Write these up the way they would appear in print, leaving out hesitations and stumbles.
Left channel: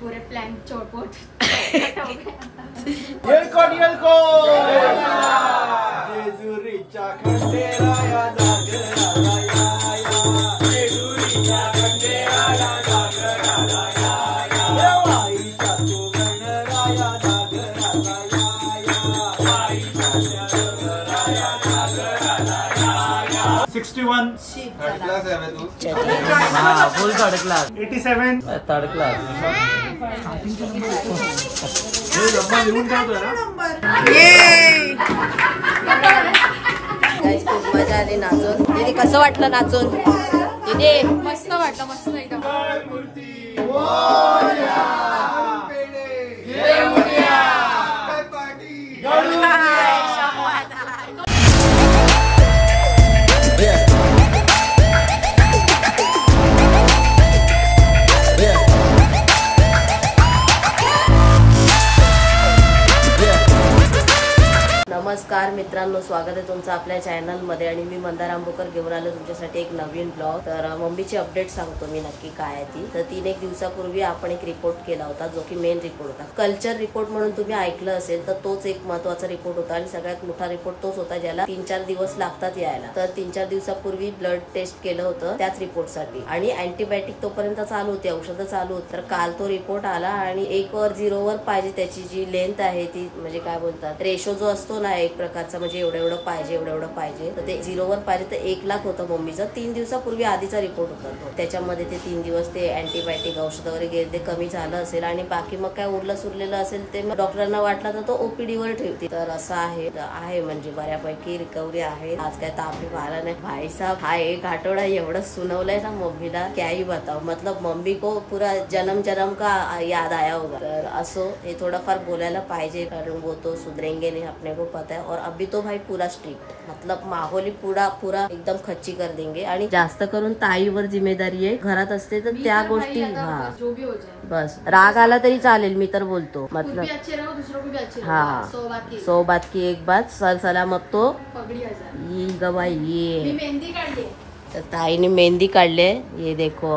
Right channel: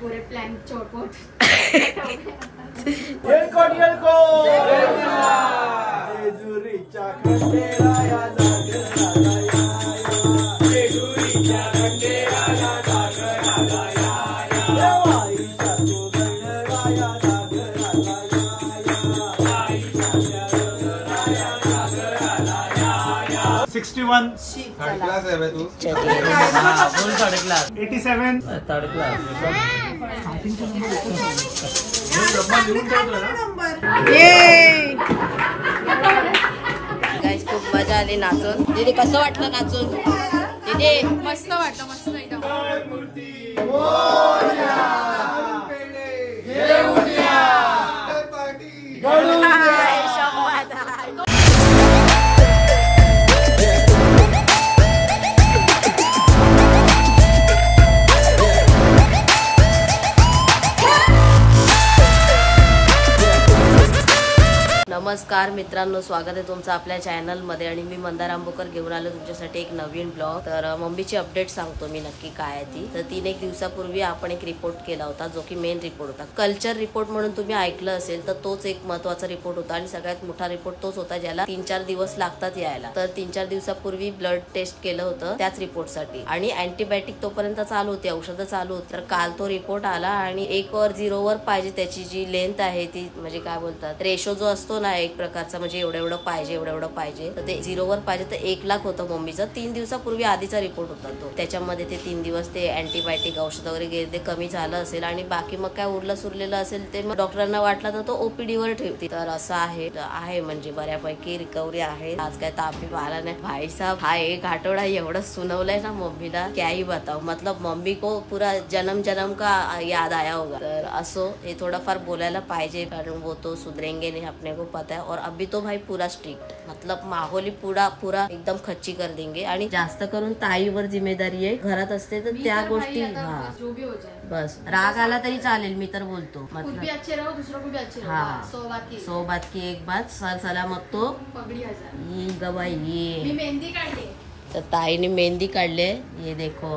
पूरे प्लान चौपट third class है तू? Full third class 87 third class खूप मजा आली नाचून. दीदी कसं वाटलं नाचून? दीदी मस्त वाटलं, मस्त एकदम. नमस्कार मित्रांनो, स्वागत आहे तुमचं आपल्या चॅनल मध्ये. आणि मी मंदार आंबोकर घेऊन आलो तुमच्यासाठी एक नवीन ब्लॉग. तर मम्मीची अपडेट सांगतो मी नक्की काय आहे ती. तर 3-1 दिवसापूर्वी आपण एक रिपोर्ट केला होता, जो की मेन रिपोर्ट होता. कल्चर रिपोर्ट म्हणून तुम्ही ऐकलं असेल तर तोच एक महत्वाचा रिपोर्ट होता आणि सगळ्यात मोठा रिपोर्ट तोच होता ज्याला 3-4 दिवस लागतात यायला. तर 3-4 दिवसापूर्वी ब्लड टेस्ट केलं होतं त्याच रिपोर्टसाठी, आणि अँटीबायोटिक तोपर्यंत चालू होती, औषधं चालू होती. तर काल तो रिपोर्ट आला आणि 1 वर 0 वर पाहिजे त्याची जी लेंथ आहे ती, म्हणजे काय बोलतात, रेशो जो असतो ना एक प्रकारचा, म्हणजे एवढं पाहिजे एवढं पाहिजे, तर ते 0 वर पाहिजे. तर 1 लाख होतं मम्मीचं. 3 दिवसापूर्वी आधीचा रिपोर्ट होता तो. त्याच्यामध्ये ते 3 दिवस ते अँटीबायोटिक औषध वगैरे गेले, ते कमी झालं असेल आणि बाकी मग काय उरलं सुरलेलं असेल ते मग डॉक्टरांना वाटला तर तो ओपीडी वर ठेवते. तर असं आहे म्हणजे बऱ्यापैकी रिकव्हरी आहे. आज काय तापी आला नाही भाई साहब. हा 1 आठवडा एवढं सुनवलंय ना मम्मीला, क्या ही बताओ. मतलब मम्मी को पूरा जन्म का याद आया होगा. तर असो, हे थोडाफार बोलायला पाहिजे कारण वो तो सुधरेंगे नहीं, अपने को पता है. और अभी तो भाई पूरा स्ट्रिक्ट, मतलब माहौल ही पूरा एकदम खच्ची कर देंगे. आणि जास्त करून ताईवर जिम्मेदारी आहे. घरात असते तर त्या गोष्टी जो भी हो जाए, बस राग आला तरी चालेल, मी तर बोलतो. मतलब अच्छे रहो, दूसरों को भी अच्छे रहो. हाँ, 100 बात की एक बात, सर सलामत तो पगड़ी आ जाए. ये गवाही. ये मेहंदी काढली, तर ताईने मेहंदी काढले. ये देखो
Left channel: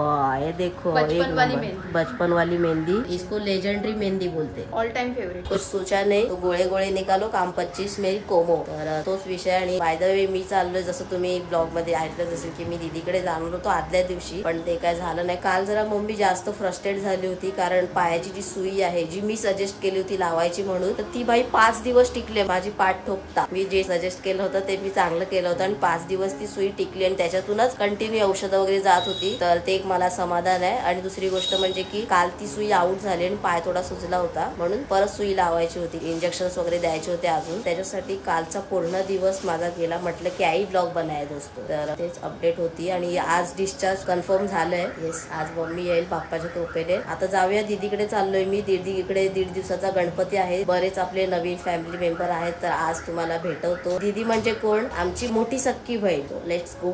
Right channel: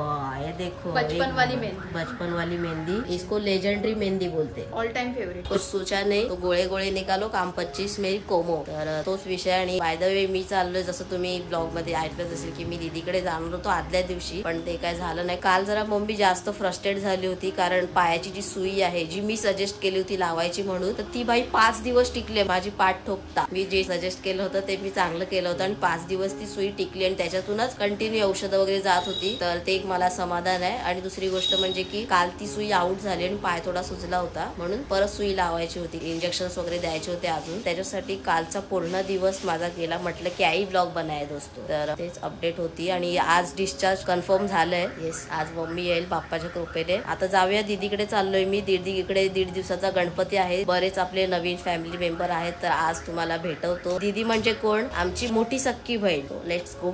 बचपन वाली मेहंदी. बचपन वाली मेहंदी, इसको लेजेंडरी मेहंदी बोलते. All time favourite. कुछ सोचा नहीं तो गोळे निकालो, काम 25 मेरी कोमो. तर तोच विषय. आणि बाय द वे मी चाललोय, जसं तुम्ही ब्लॉग मध्ये ऐकलंच असेल की मी दीदीकडे जाणार होतो आदल्या दिवशी, पण ते काय झालं नाही. काल जरा मम्मी जास्त फ्रस्ट्रेट झाली होती कारण पायाची जी सुई आहे, जी मी सजेस्ट केली होती लावायची म्हणून, तर ती बाई 5 दिवस टिकली. माझी पाठ ठोकता मी जे सजेस्ट केलं होतं ते मी चांगलं केलं होतं आणि 5 दिवस ती सुई टिकली आणि त्याच्यातूनच कंटिन्यू औषधं वगैरे जात होती. तर ते एक मला समाधान आहे. आणि दुसरी गोष्ट म्हणजे की काल ती सुई आउट झाली आणि पाय थोडा सुजला होता, म्हणून परत सुई लावायची होती, इंजेक्शन्स वगैरे द्यायचे होते अजून. त्याच्यासाठी कालचा पूर्ण दिवस माझा गेला. म्हटलं की आई ब्लॉग बनाय दोस्तो. तर तेच अपडेट होती. आणि आज डिस्चार्ज कन्फर्म झालंय. येस, आज मम्मी येईल बाप्पाच्या कृपेने. आता जाऊया दीदीकडे चाललोय मी. दीदीकडे 1.5 दिवसाचा गणपती आहे. बरेच आपले नवीन फॅमिली मेंबर आहेत, तर आज तुम्हाला भेटवतो. दीदी म्हणजे कोण? आमची मोठी सख्खी बहीण. Let's go.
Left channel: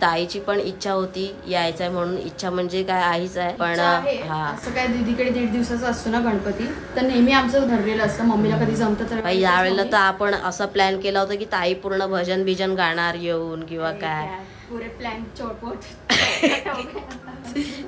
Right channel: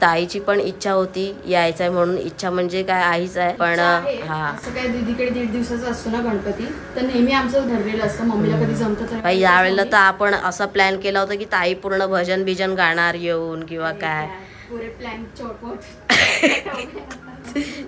ताईची पण इच्छा होती यायचंय म्हणून. इच्छा म्हणजे काय, आईच आहे. पण हा, असं काय दीदीकडे 1.5 दिवसाचा असतो ना गणपती, तर नेहमी आमचं ठरलेलं असतं. मम्मीला कधी जमतं तर. यावेळेला तर आपण असा प्लॅन केला होता की ताई पूर्ण भजन बिजन गाणार येऊन किंवा काय. पूरे प्लान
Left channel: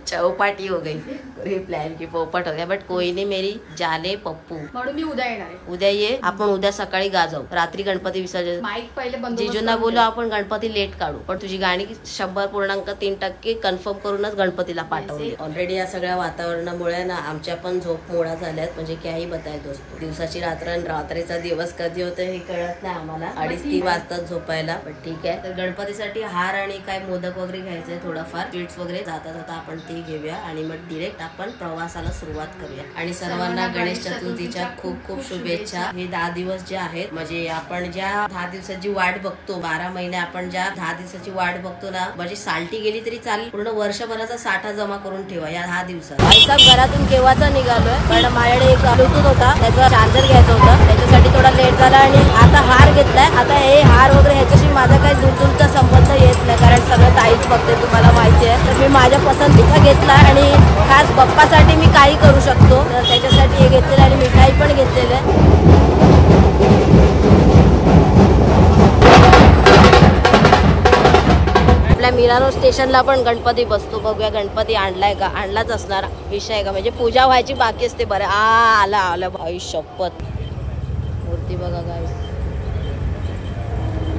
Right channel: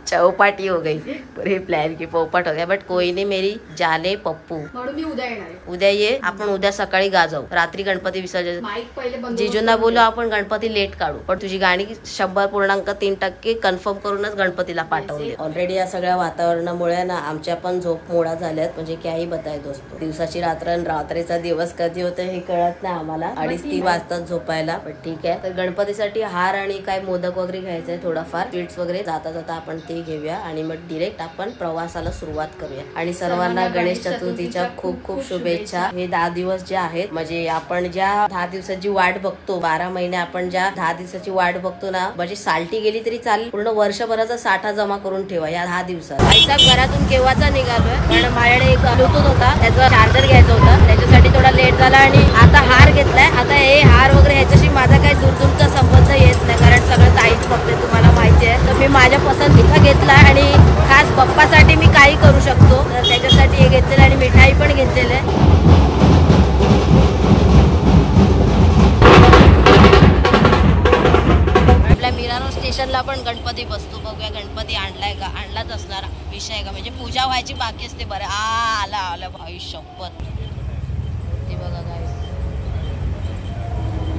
चौपाटी हो गई पूरी प्लॅन की पोपट हो गया. बट कोई नाही, मेरी जाले पप्पू. म्हणून मी उद्या येणार आहे. उद्या ये. आपण उद्या सकाळी गाजवू. रात्री गणपती विसर्जन. माईक पहिले बंद. जिजूंना बोलू आपण गणपती लेट काढू, पण तुझी गाणी 100.3% कन्फर्म करूनच गणपतीला पाठवली. ऑलरेडी या सगळ्या वातावरणामुळे ना आमच्या पण झोप मोळा झाल्यात. म्हणजे काही बताय दोस्तो, दिवसाची रात्र आणि रात्रीचा दिवस कधी होतं हे कळत नाही आम्हाला. 2:30-3 वाजतात झोपायला. पण ठीक आहे. तर गणपतीसाठी हार आणि काय मोदक वगैरे घ्यायचंय, थोडाफार स्वीट्स वगैरे. जाता आपण ते घेऊया आणि मग डिरेक्ट आपण प्रवासाला सुरुवात करूया. आणि सर्वांना गणेश चतुर्थीच्या खूप खूप शुभेच्छा. हे 10 दिवस जे आहेत, म्हणजे आपण ज्या 10 दिवसाची वाट बघतो, 12 महिने आपण ज्या 10 दिवसाची वाट बघतो ना, म्हणजे साल्टी गेली तरी चालेल, पूर्ण वर्षभराचा साठा जमा करून ठेवा या 10 दिवसात. आईचा घरातून केव्हाचा निघालोय, पण माझ्याकडे एक ब्लूटूथ होता, त्याचा चार्जर घ्यायचा होता, त्याच्यासाठी थोडा लेट झाला. आणि आता हार घेतलाय. आता हे हार वगैरे ह्याच्याशी माझा काही दूरचा संबंध येत नाही, कारण सगळं ताईच बघते, तुम्हाला माहिती आहे. तर मी माझ्या पसंतीचा घेतला आणि खास बाप्पासाठी मी काही करू शकतो, तर त्याच्यासाठी हे घेतलेलं आणि मिठाई पण घेतलेलं आहे. आपल्या मिरानो स्टेशन जिजूंना पण गणपती बसतो, बघूया गणपती आणलाय का, आणलाच असणार विषय का, म्हणजे पूजा व्हायची बाकी असते. बरं आला आला भाई शपथ. मूर्ती बघा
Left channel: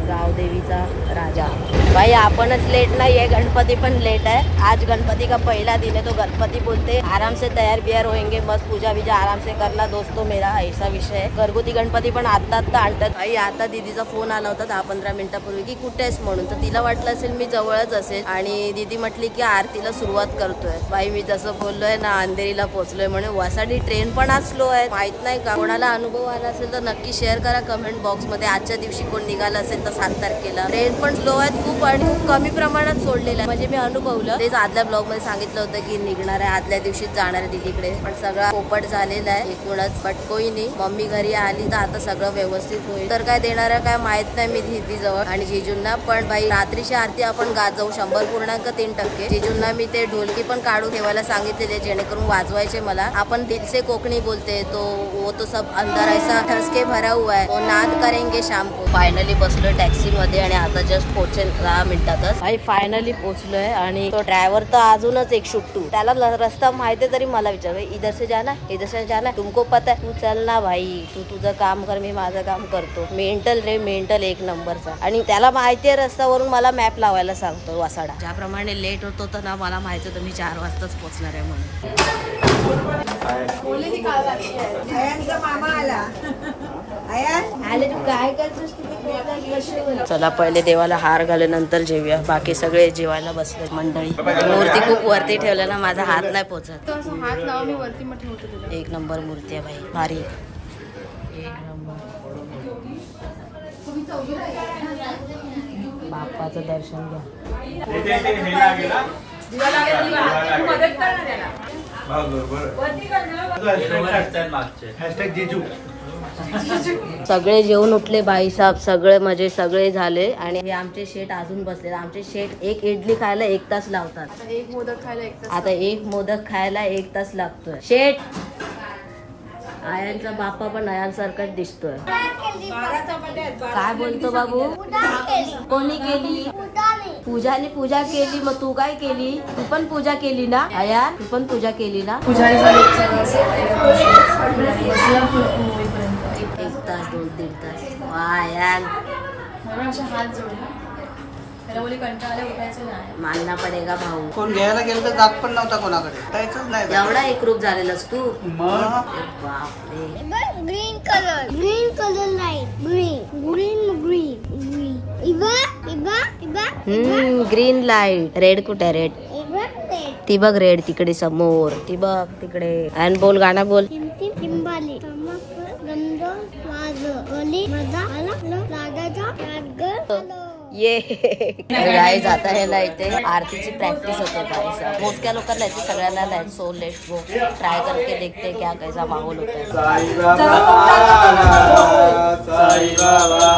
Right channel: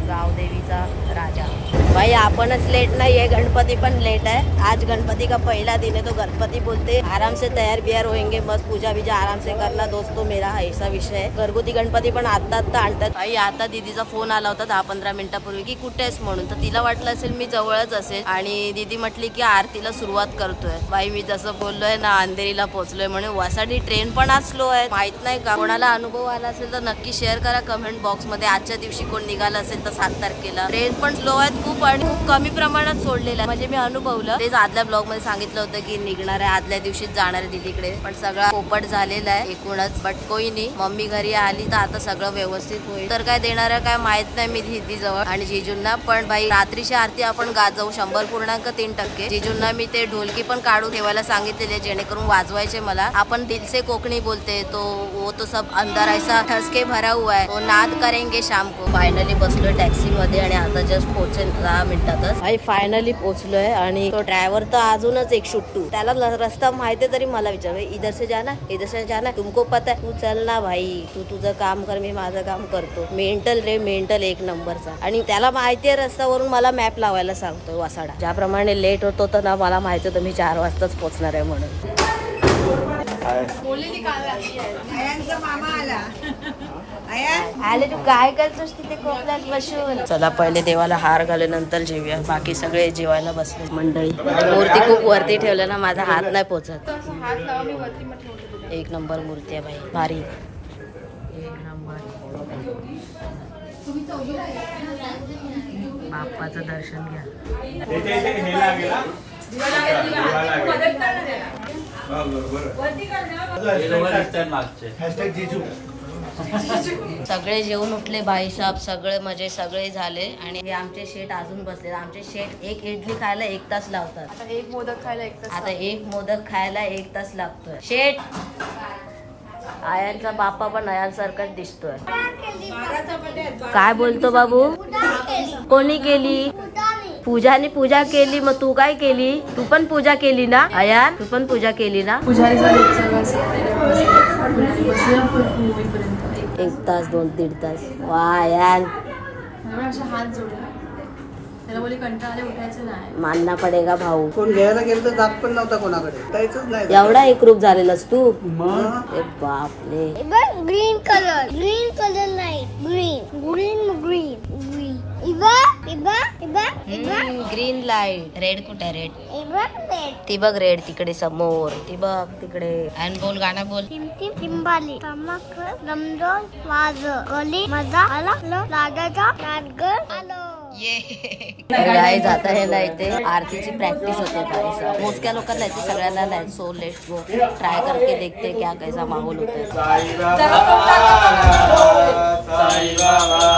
गावदेवीचा राजा. भाई आपणच लेट नाहीये, गणपती पण लेट आहे. आज गणपती का पहिला दिन है तो गणपती बोलते आराम से तैयार बियार होएंगे, मस्त पूजा विजा आराम से करना दोस्तों मेरा, ऐसा विषय है. घरगुती गणपती पण आता आणतात. भाई आता दीदीचा फोन आला होता 10-15 मिनिटापूर्वी की कुठे आहेस म्हणून, तर तिला वाटलं असेल मी जवळच असेल आणि दीदी म्हटली की आरतीला सुरुवात करतोय. भाई मी जसं बोललोय ना अंधेरीला पोहोचलोय म्हणून. वासाडी ट्रेन पण आज स्लो आहे, माहित नाही का कोणाला अनुभव आला असेल तर नक्की शेअर करा कमेंट बॉक्स मध्ये. आजच्या दिवशी कोण निघालं असेल तर 7 तारखेला ट्रेन पण स्लो आहेत खूप आणि खूप कमी प्रमाणात सोडलेलं आहे, म्हणजे मी अनुभवलं. तेच आदल्या ब्लॉग मध्ये सांगितलं होतं की निघणार आहे आदल्या दिवशीच जाणार आहे दीदीकडे, पण सगळा पोपट झालेला आहे एकूणच. बट कोई नाही, मम्मी घरी आली तर आता सगळं व्यवस्थित होईल. तर काय देणार आहे काय माहित नाही मी दीदी जवळ आणि जिजूंना. पण भाई रात्रीची आरती आपण गाजवू 100.3%. जिजूंना मी ते ढोलकी पण काढून ठेवायला सांगितलेले जेणेकरून वाजवायचे मला. आपण दिल से कोकणी बोलते तो वो तो सब अंदर ऐसा ठसके भरा हुआ है, वो नाद करेंगे शाम को. फायनली बसलोय टॅक्सी मध्ये आणि आता जस्ट पोहोचेल 10 मिनिटातच. भाई फायनली पोहोचलोय आणि तो ड्रायव्हर तर अजूनच एक शुट्टू. त्याला रस्ता माहिती तरी मला विचार इधर से जाना इधर से जाना तुमको पता है, तू चल ना भाई, तू तुझं काम कर मी माझं काम करतो. मेंटल रे मेंटल एक नंबरचा. आणि त्याला माहितीये रस्त्यावरून मला मॅप लावायला सांगतो वासाडा. ज्याप्रमाणे लेट होतो तर ना मला माहिती होतं मी 4 वाजताच पोहोचणार आहे म्हणून. मामा आला आले तू काय करतोस तिथे कोपऱ्यात बसून. चला पहिले देवाला हार घाले नंतर जेवूया. बाकी सगळे जेवायला बसले मंडळी. मूर्ती खूप वरती ठेवल्या ना माझा हात नाही पोचत. एक नंबर मूर्ती आहे भाई, भारी एक नंबर. बाप्पाचं दर्शन घ्या. सगळे जेवून उठले भाई साहेब, सगळे म्हणजे सगळे झाले आणि आमचे शेट अजून बसले. आमचे शेट एक इडली खायला 1 तास लावतात. आता एक मोदक खायला 1 तास लागतोय. शेट आयांचा बाप्पा पण आयांसारखाच दिसतोय. काय बोलतो बाबू? कोणी केली? पूजाने पूजा केली. मग तू काय केली? तू पण पूजा केली ना आयान? तू पण पूजा केली ना? 1 तास 2-3 तास. वा आयान हात जोडले त्याला बोली कंटाळा उठायचं नाही. मानना पडेगा भाऊ. कोण घ्यायला गेलं तर जात पण नव्हता कोणाकडे, जायचंच नाही. एवढा एकरूप झालेलास तू. बापरे. Green colour light green light. Red कुठे? रेड ती बघ, रेड तिकडे समोर, ती बघ तिकडे. आणि बोल गाणं बोल. चिंबाली रमजान वाज गली मजा आला राजाचा आलो. ये गाईज आता हे ना इथे आरतीची प्रॅक्टिस होते भाई. मोजक्या लोकांना येते, सगळ्यांना नाही. सो लेट्स गो ट्राय करके देखते क्या कैसा माहौल होता है. साई बाबा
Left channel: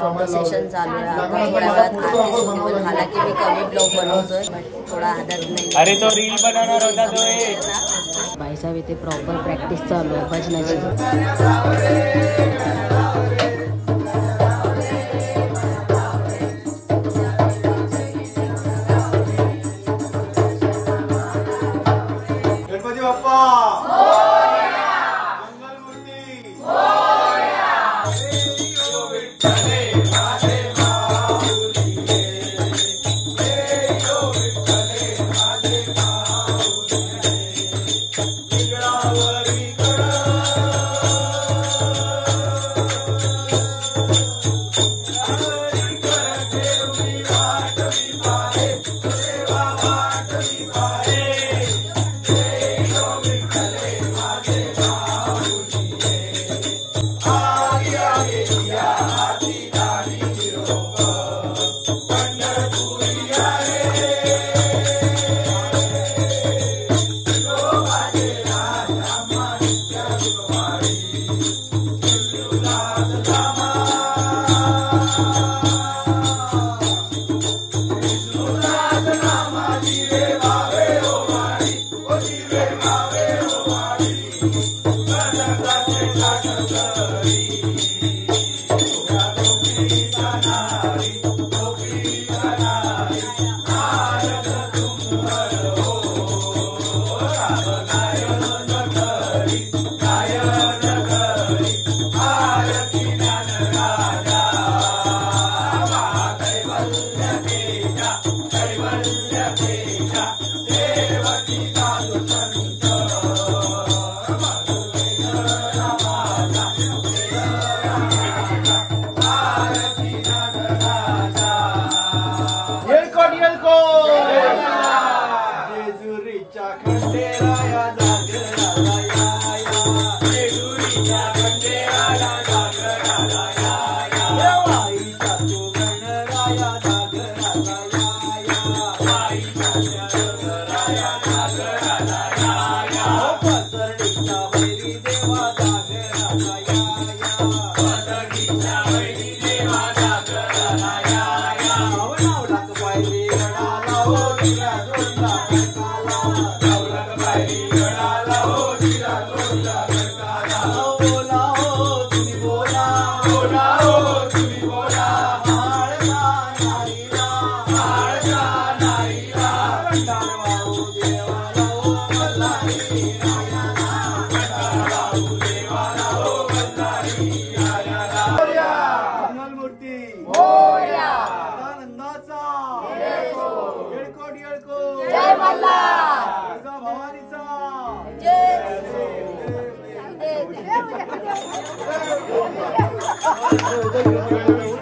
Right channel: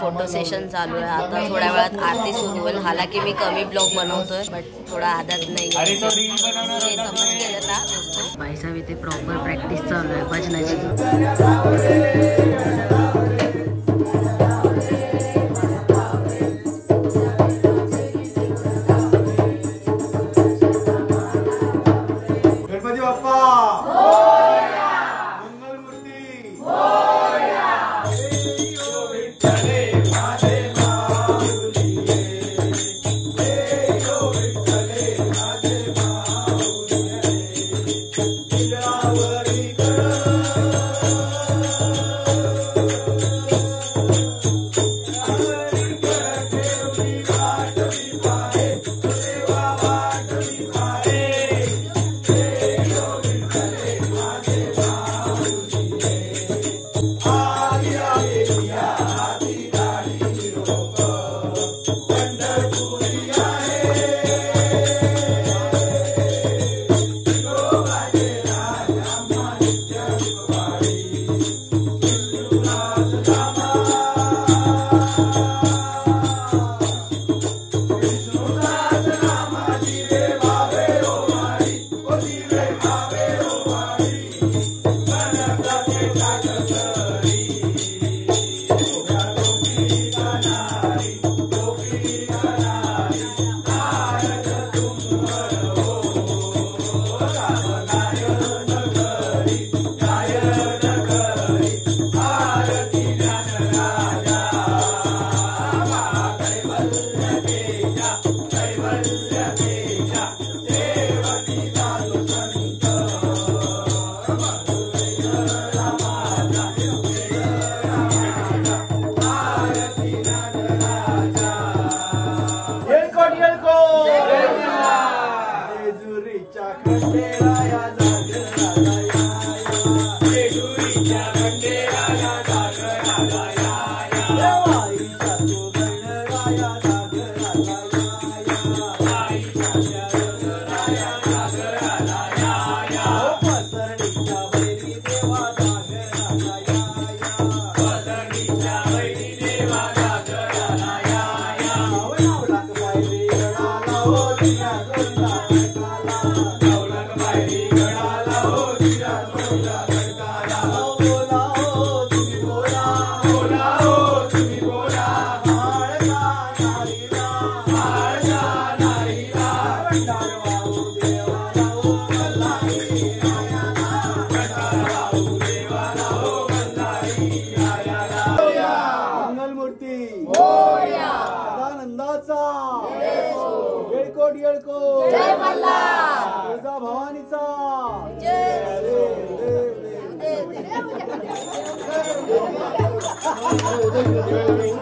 फोटो सेशन चालू आहे. आता थोड्या वेळात आरती सुरू होईल. हालाकी मी कमी ब्लॉग बनवतोय बट थोडा आदत नाही. भाईसाहेब इथे प्रॉपर प्रॅक्टिस चालू आहे भजनाची. गणपती बाप्पा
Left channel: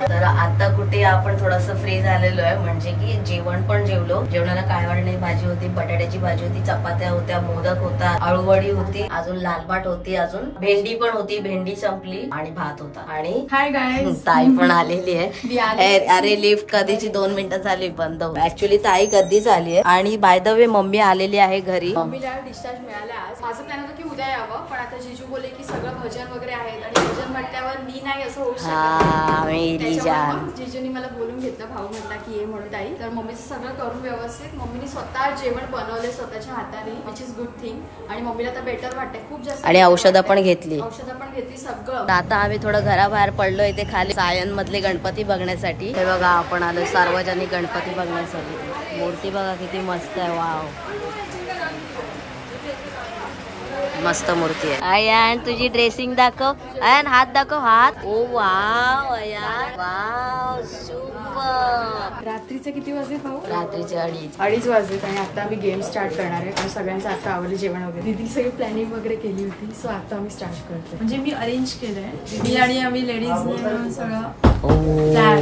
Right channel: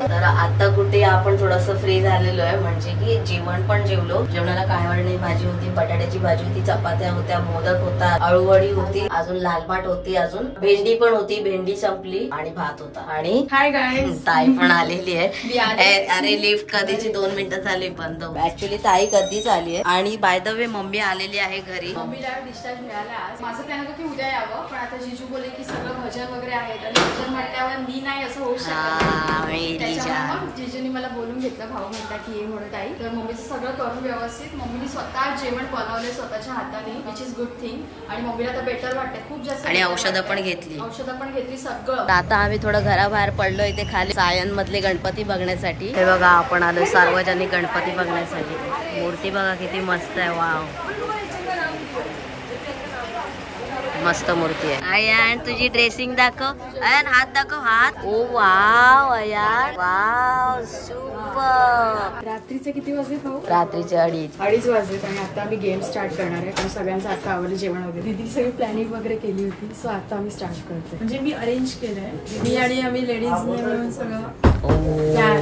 तर आता कुठे आपण थोडस फ्री झालेलो आहे. म्हणजे की जेवण पण जेवलो. जेवणाला काय वाढली भाजी होती, बटाट्याची भाजी होती, चपात्या होत्या, मोदक होता, आळूवडी होती, अजून लालभाट होती, अजून भेंडी पण होती, भेंडी संपली आणि भात होता. आणि हाय गाईज, ताई पण आलेली आहे. अरे लिफ्ट कधीची 2 मिनिटं झाली बंद. ऍक्च्युली ताई कधीच आली आहे. आणि बाय द वे मम्मी आलेली आहे घरी. मम्मीला डिस्चार्ज मिळाला आज. माझं प्लॅन होतं की उद्या यावं, पण आता जिजू बोले की सगळं भजन वगैरे आहेत आणि भजन म्हटल्यावर मी नाही असं होऊ शकत. त्याच्यामुळे जिजूनी मला बोलून घेतलं. भाऊ म्हटला की ये म्हणून ताई. तर मम्मीचं सगळं करून व्यवस्थित मम्मीने स्वतः जेवण बनवले स्वतःच्या हाताने, विच इज गुड थिंग. आणि मम्मीला आता बेटर वाटते खूप जास्त. आणि औषधं पण घेतली सगळं. आता आम्ही थोडं घराबाहेर पडलो इथे खाली सायन मधले गणपती बघण्यासाठी. हे बघा आपण आलो सार्वजनिक गणपती बघण्यासाठी. मूर्ती बघा किती मस्त आहे. वाव, मस्त मूर्ती आहे. अयान तुझी ड्रेसिंग दाखव. अयान हात दाखव, हात. ओ वाव अयान, वाव सुपर. रात्रीचे किती वाजले भाऊ? रात्रीचे 2:30 वाजलेत. आणि आता आम्ही गेम स्टार्ट करणार आहे. कारण सगळ्यांचं आता आवडलं जेवण वगैरे. दीदी सगळी प्लॅनिंग वगैरे केली होती. सो आता आम्ही स्टार्ट करतोय. म्हणजे मी अरेंज केलंय. दीदी आणि आम्ही लेडीज सगळं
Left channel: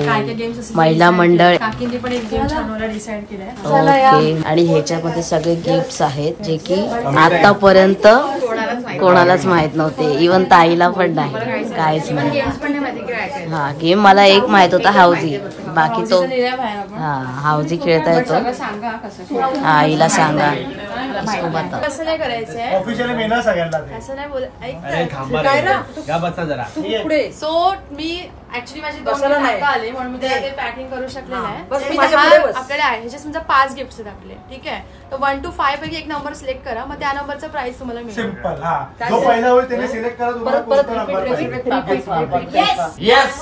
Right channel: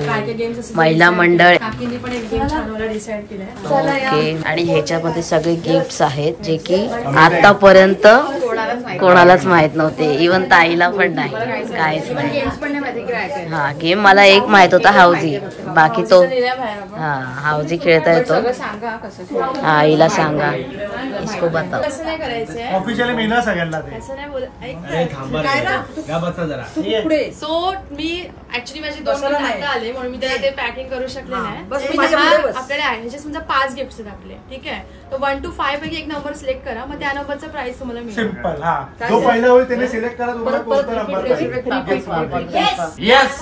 काय गेम्स असतील. महिला मंडळ काकींनी पण एक गेम छानवाला डिसाइड केलाय. ओके. आणि ह्याच्यामध्ये सगळे गिफ्ट्स आहेत जे की आतापर्यंत कोणालाच माहित नव्हते. इव्हन ताईला पण नाही, काहीच नाही. गेम्स पण नाही माहिती काय. हा गेम मला एक माहित होता, हाऊजी. बाकी तो हा हाऊजी खेळता येतो. हा हिला सांगा. इसको बताओ. कसं नाही करायचंय ऑफिशियली मेना सगळ्यांना. असं नाही बोल. ऐक पुढे. सो मी ऍक्च्युली माझे 2 गिफ्ट आता आले म्हणून मी त्याला ते पॅकिंग करू शकले नाही. आपल्याला आहे ह्याचे समजा 5 गिफ्ट आहेत आपले, ठीक आहे. तर 1 to 5 पैकी एक नंबर सिलेक्ट करा, मग त्या नंबरचा प्राइस तुम्हाला मिळेल. सिंपल. हा, जो पहिला होईल त्याने सिलेक्ट करा. तुम्हाला कोणता नंबर पाहिजे. यस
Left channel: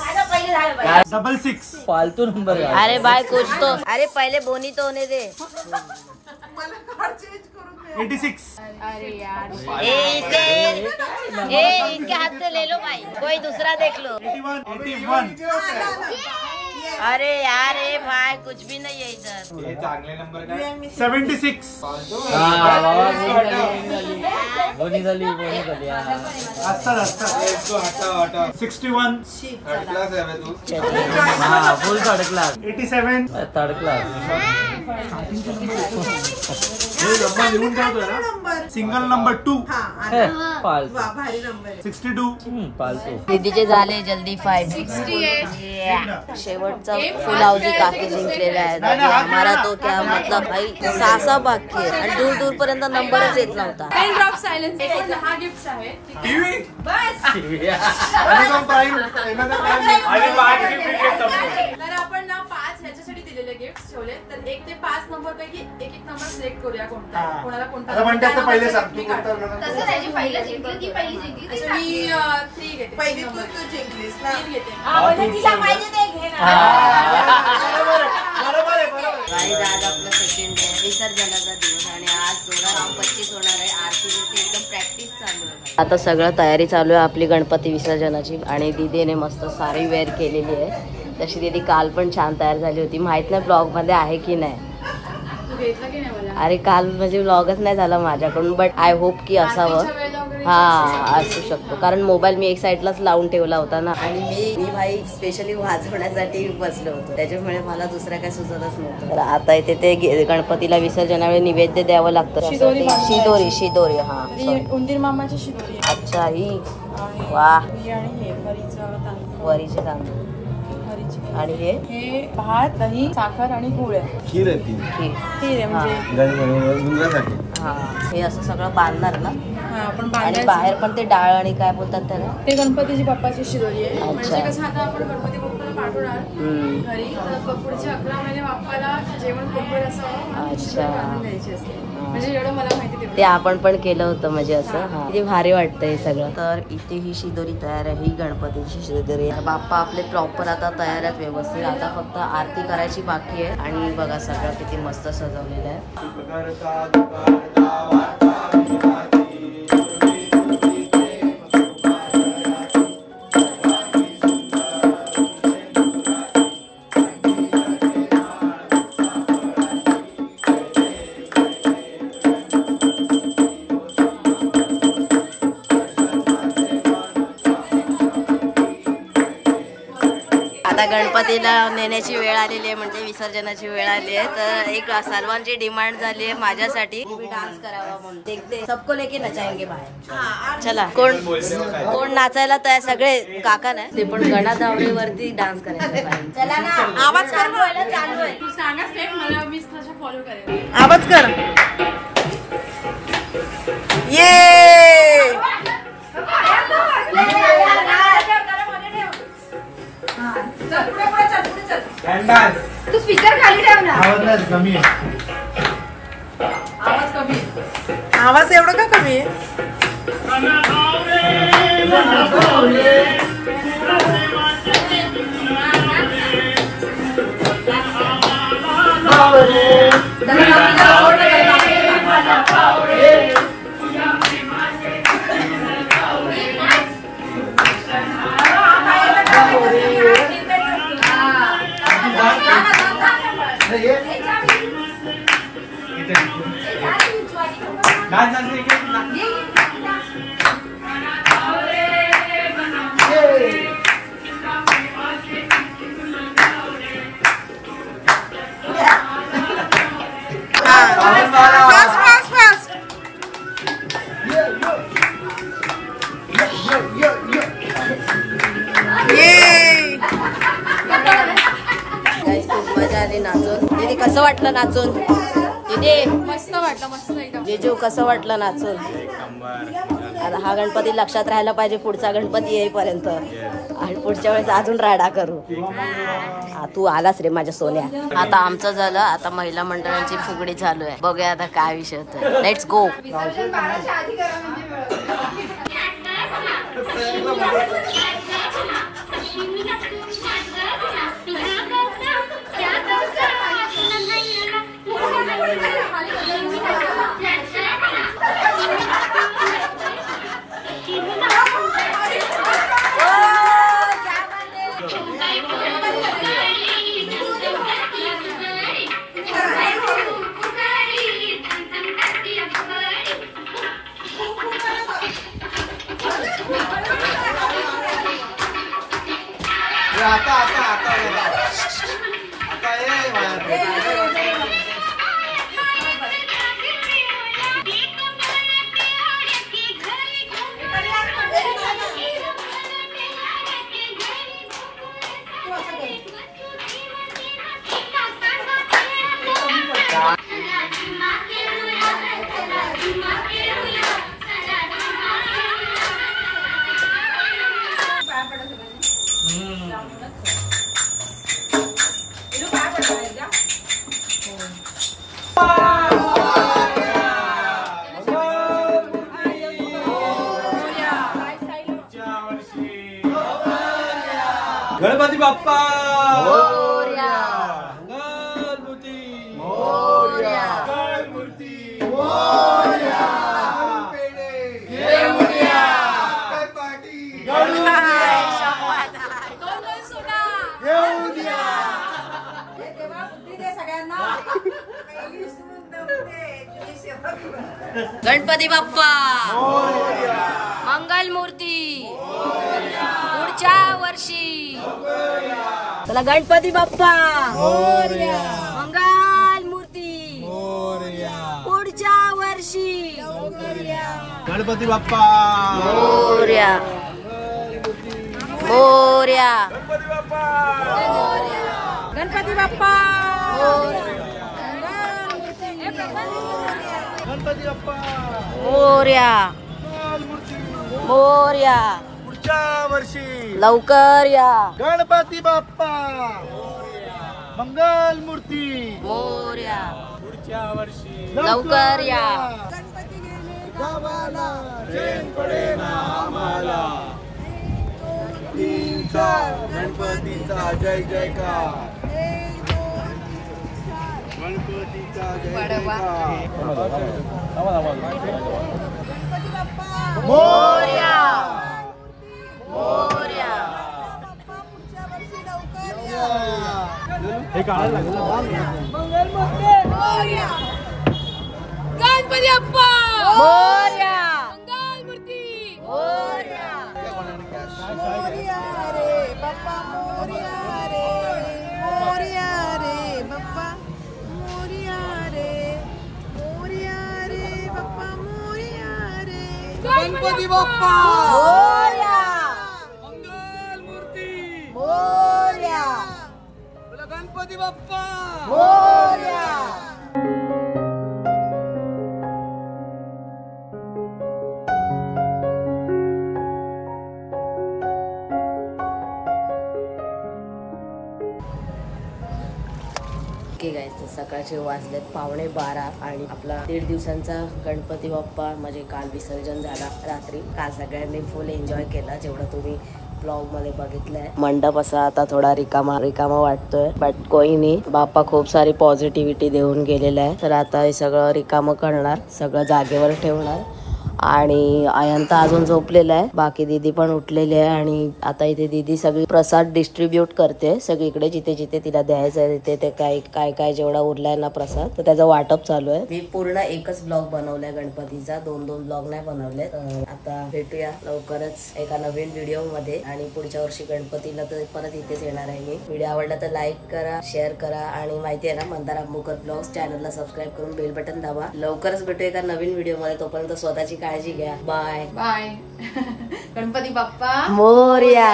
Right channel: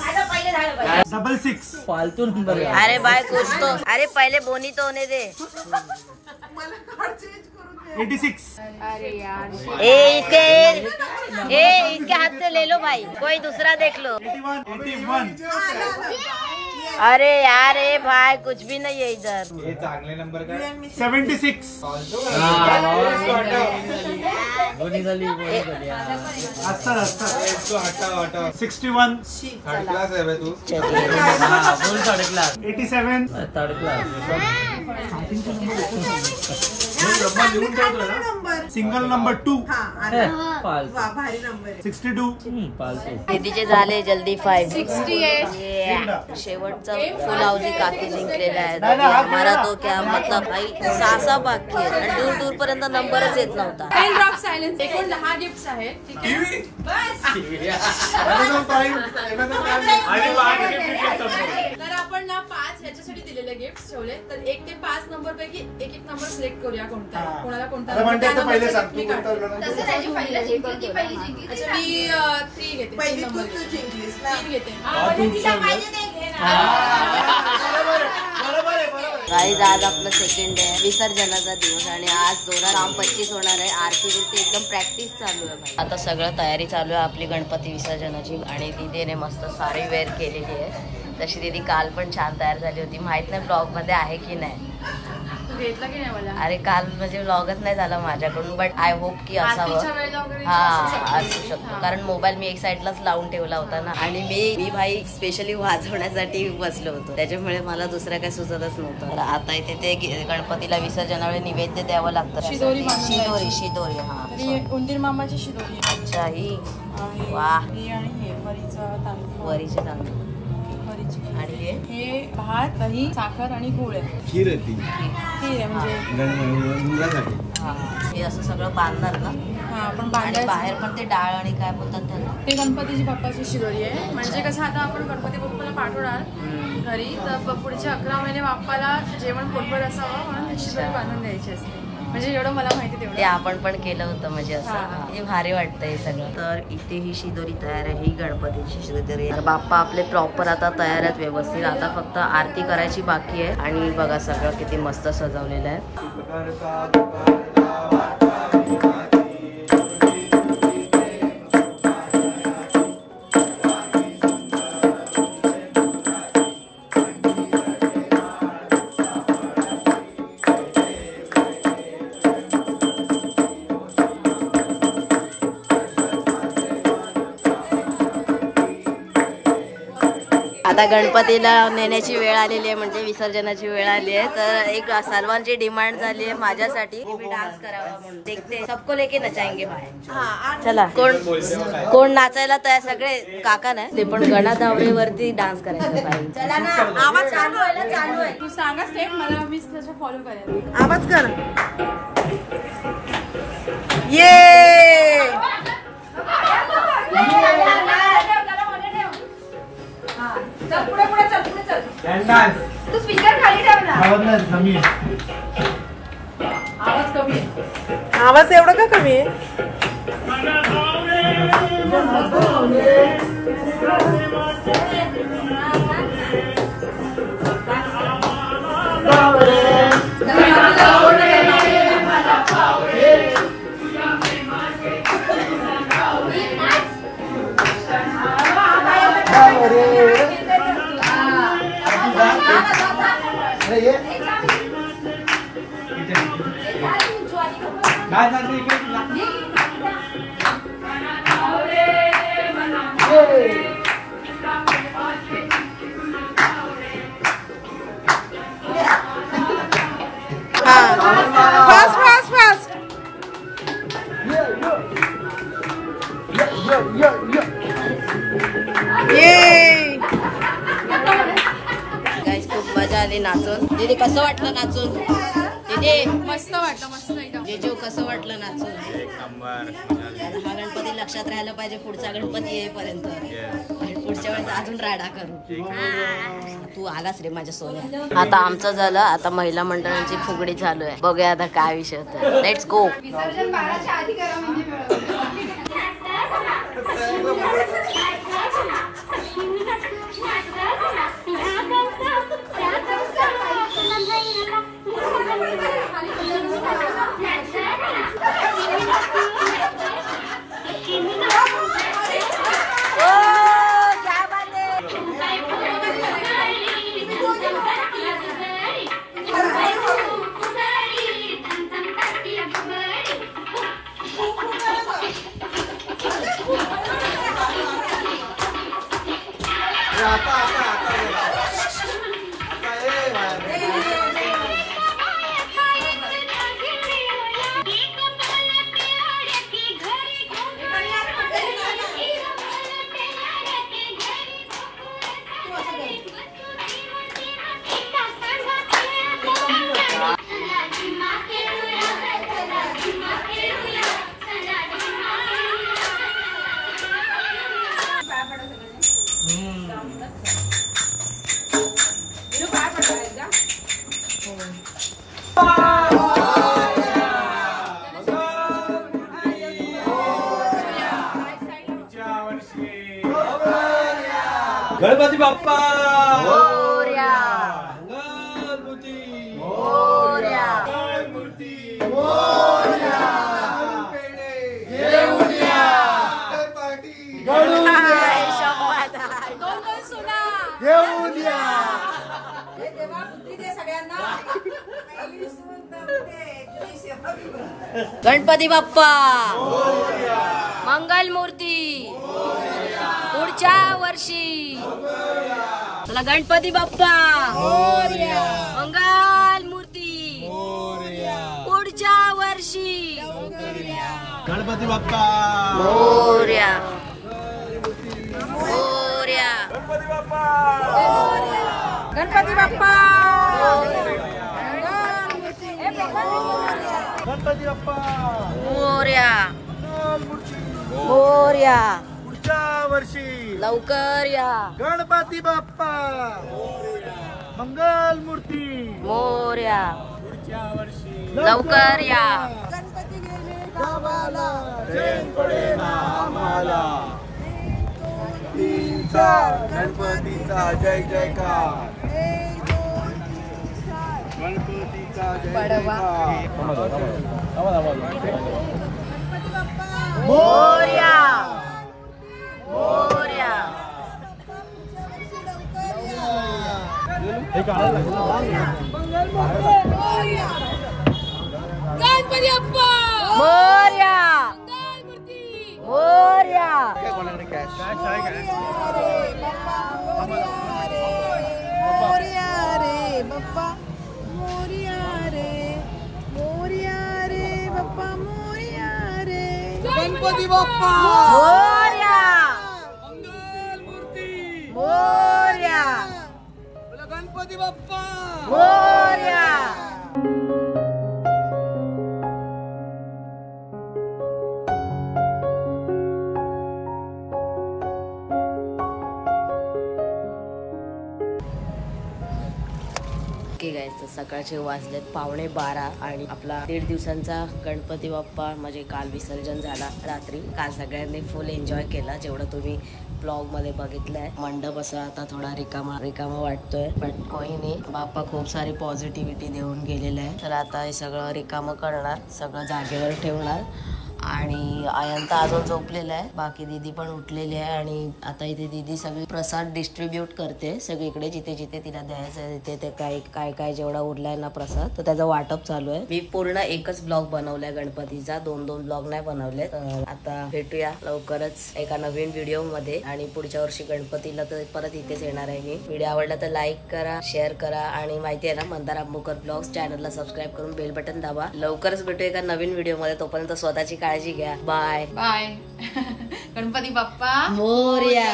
66 फालतू नंबर है. अरे भाई कुछ तो, अरे पहले बोनी तो होने दे. 86 इसके हाथ से ले लो भाई, कोई दूसरा देख लो. 81 अरे यार ए भाई कुछ भी नहीं है इधर. हे चांगले नंबर काय 76 बोनी झाली असतात. 61 थर्ड क्लास आहे बे तू. Full third class. 87 third class. Single number 2 फालतू. 62 फालतू. दीदीचे झाले जल्दी 5. 68 शेवटचा फुल हाऊसी काकी जिंकलेला आहे. अभी हमारा तो क्या मतलब भाई 6 बाकी आहे आणि दूर दूर पर्यंत नंबरच येत नव्हता. 10 ड्रॉप सायलेन्स. एकूण 10 गिफ्ट्स आहेत, ठीक आहे. तर आपण ना 5 ह्याच्यासाठी दिलेले गिफ्ट ठेवले. तर 1 ते 5 नंबर पैकी एक नंबर सिलेक्ट करूया कोणता आहे. कोणाला कोणता आता म्हणतात तर पहिले सांग, तू मी कोणता काढते. बनवणार? तसं नाही, पहिलं जिंकलं की पहिली जिंकली. अच्छा, मी 3 घेते. 3 नंबर 3 घेते. गाईज आज आपलं सेकंड आहे, विसर्जनाचा दिवस आणि आज 2:25 होणार आहे. आरती बिरती एकदम प्रॅक्टिस चालू आहे. आता सगळं तयारी चालू आहे आपली गणपती विसर्जनाची आणि दीदीने मस्त साडी वेअर केलेली आहे. तशी दीदी काल पण छान तयार झाली होती. माहित नाही ब्लॉग मध्ये आहे की नाही. घेतलं की नाही मला? अरे काल म्हणजे ब्लॉगच नाही झाला माझ्याकडून, बट आय होप की आरतीच्या वेळेला असावं. वगैरे हा असू शकतो, कारण मोबाईल मी एक साईडलाच लावून ठेवला होता ना आणि मी भाई स्पेशली वाजवण्यासाठी बसलो होतो, त्याच्यामुळे मला दुसऱ्या काय सुचतच नव्हतं. तर आता इथे ते गणपतीला विसर्जनावेळी नैवेद्य द्यावं लागतं. शिदोरी हा उंदीर मामाची शिदोरी. अच्छा ही वा वरीचे तांदूळ आणि हे भात, दही, साखर आणि गुळ आहे. खीर आहे ती. खीर आहे म्हणजे मुलांसाठी. हा हे असं सगळं बांधणार ना आपण आणि बांधायचं. बाहेर पण ते डाळ आणि काय बोलतात त्याला ते गणपतीची बाप्पाची शिदोरी आहे. म्हणजे कसं आता आपण गणपती बाप्पाला पाठवणार घरी, तर पुढचे 11 महिने बाप्पाला जेवण पोटभर असावं म्हणून ही शिदोरी बांधून द्यायची असते. म्हणजे एवढं मला माहिती तेवढं ते आपण पण केलं होतं म्हणजे असं किती भारी वाटतं हे सगळं. तर इथे ही शिदोरी तयार आहे, ही गणपतीची शिदोरी. बाप्पा आपले प्रॉपर आता तयार आहेत व्यवस्थित. आता फक्त आरती करायची बाकी आहे आणि बघा सगळं किती मस्त सजवलेलं आहे. आता गणपतीला नेण्याची वेळ आलेली आहे, म्हणजे विसर्जनाची वेळ आली आहे. तर एक सर्वांची डिमांड झाली आहे माझ्यासाठी मी डान्स करावा म्हणून. देखते सबको लेके नचाएंगे बाहेर. चला कोण नाचायला तयार? सगळे काका नाही, ते पण गणाधावरे वरती डान्स करायचं पाहिजे. चला ना आवाज कर. चालू आहे, तू सांगा स्टेप, मला मी तसं फॉलो करेन. आवाज कर. ये तू स्पीकर खाली ठेव ना. आवाज कमी आहे. आवाज कमी आहे. आवाज एवढा का कमी आहे? खूप मजा आली नाचून. दीदी कसं वाटलं नाचून? मस्त वाटलं, मस्त एकदम. जेजू कसं वाटलं नाचून? एक नंबर. आता हा गणपती लक्षात राहायला पाहिजे पुढचा गणपती येईपर्यंत, आणि पुढच्या वेळेस अजून राडा करू. हा, तू आलास रे माझ्या सोन्या. आता आमचं झालं, आता महिला मंडळांची फुगडी चालू आहे. बघूया आता काय विषय होतं. Let's go. विसर्जन 12च्या आधी करा म्हणजे गणपती बाप्पा मोरया. मंगलमूर्ती मोरया. मूर्ती हाय, शपथ. गणपती बाप्पा मंगल मूर्ती पुढच्या वर्षी. चला गणपती बाप्पा मंगल मूर्ती पुढच्या वर्षी. गणपती बाप्पा मोरया. मोरया. गणपती बाप्पा मोरया. मोरया. पुढच्या वर्षी लवकर या. गणपती बाप्पा मंगल मूर्ती मोरया. पुढच्या वर्षी लवकर या. गावाला चैन पडेना आम्हाला. तीनचा गणपतीचा जय जयकार. गणपतीचा जय जयकार. मोरया. मोरया. हे काढायला गणपती बाप्पा मोरया. मूर्ती मोरया. गणपती बाप्पा मोरया. मंगल मूर्ती. मोरया. गणपती बाप्पा मोरया. ओके गाईस, तर सकाळचे वाजलेत 11:15 आणि आपला 1.5 दिवसांचा गणपती बाप्पा म्हणजे काल विसर्जन झाला रात्री. काल सगळ्यांनी फुल एन्जॉय केला, जेवढं तुम्ही ब्लॉग मध्ये बघितलंय. मंडप असा आता थोडा रिकामा रिकामा वाटतोय, बट कोई नाही. बाप्पा खूप सारी पॉझिटिव्हिटी देऊन गेलेला आहे. तर आता हे सगळं रिकामं करणार, सगळं जागेवर ठेवणार. आणि आयंता अजून झोपलेला आहे, बाकी दीदी पण उठलेली आहे. आणि आता इथे दीदी सगळी प्रसाद डिस्ट्रीब्यूट करते सगळीकडे, जिथे जिथे तिला द्यायचं आहे तिथे ते काय काय जेवढा उरलाय ना प्रसाद, तर त्याचं वाटप चालू आहे. मी पूर्ण एकच ब्लॉग बनवलाय गणपतीचा, 2 ब्लॉग नाही बनवले. आता भेटूया लवकरच एका नवीन व्हिडिओ मध्ये. आणि पुढच्या वर्षी गणपतीला तर परत इथेच येणार आहे मी. व्हिडिओ आवडला तर लाईक करा, शेअर करा. आणि माहिती आहे ना, मंदार आंबोकर ब्लॉग्स चॅनलला सबस्क्राईब करून बेल बटन दाबा. लवकरच भेटूया एका नवीन व्हिडिओ मध्ये. तोपर्यंत स्वतःची काळजी घ्या. Bye bye. गणपती बाप्पा मोरया.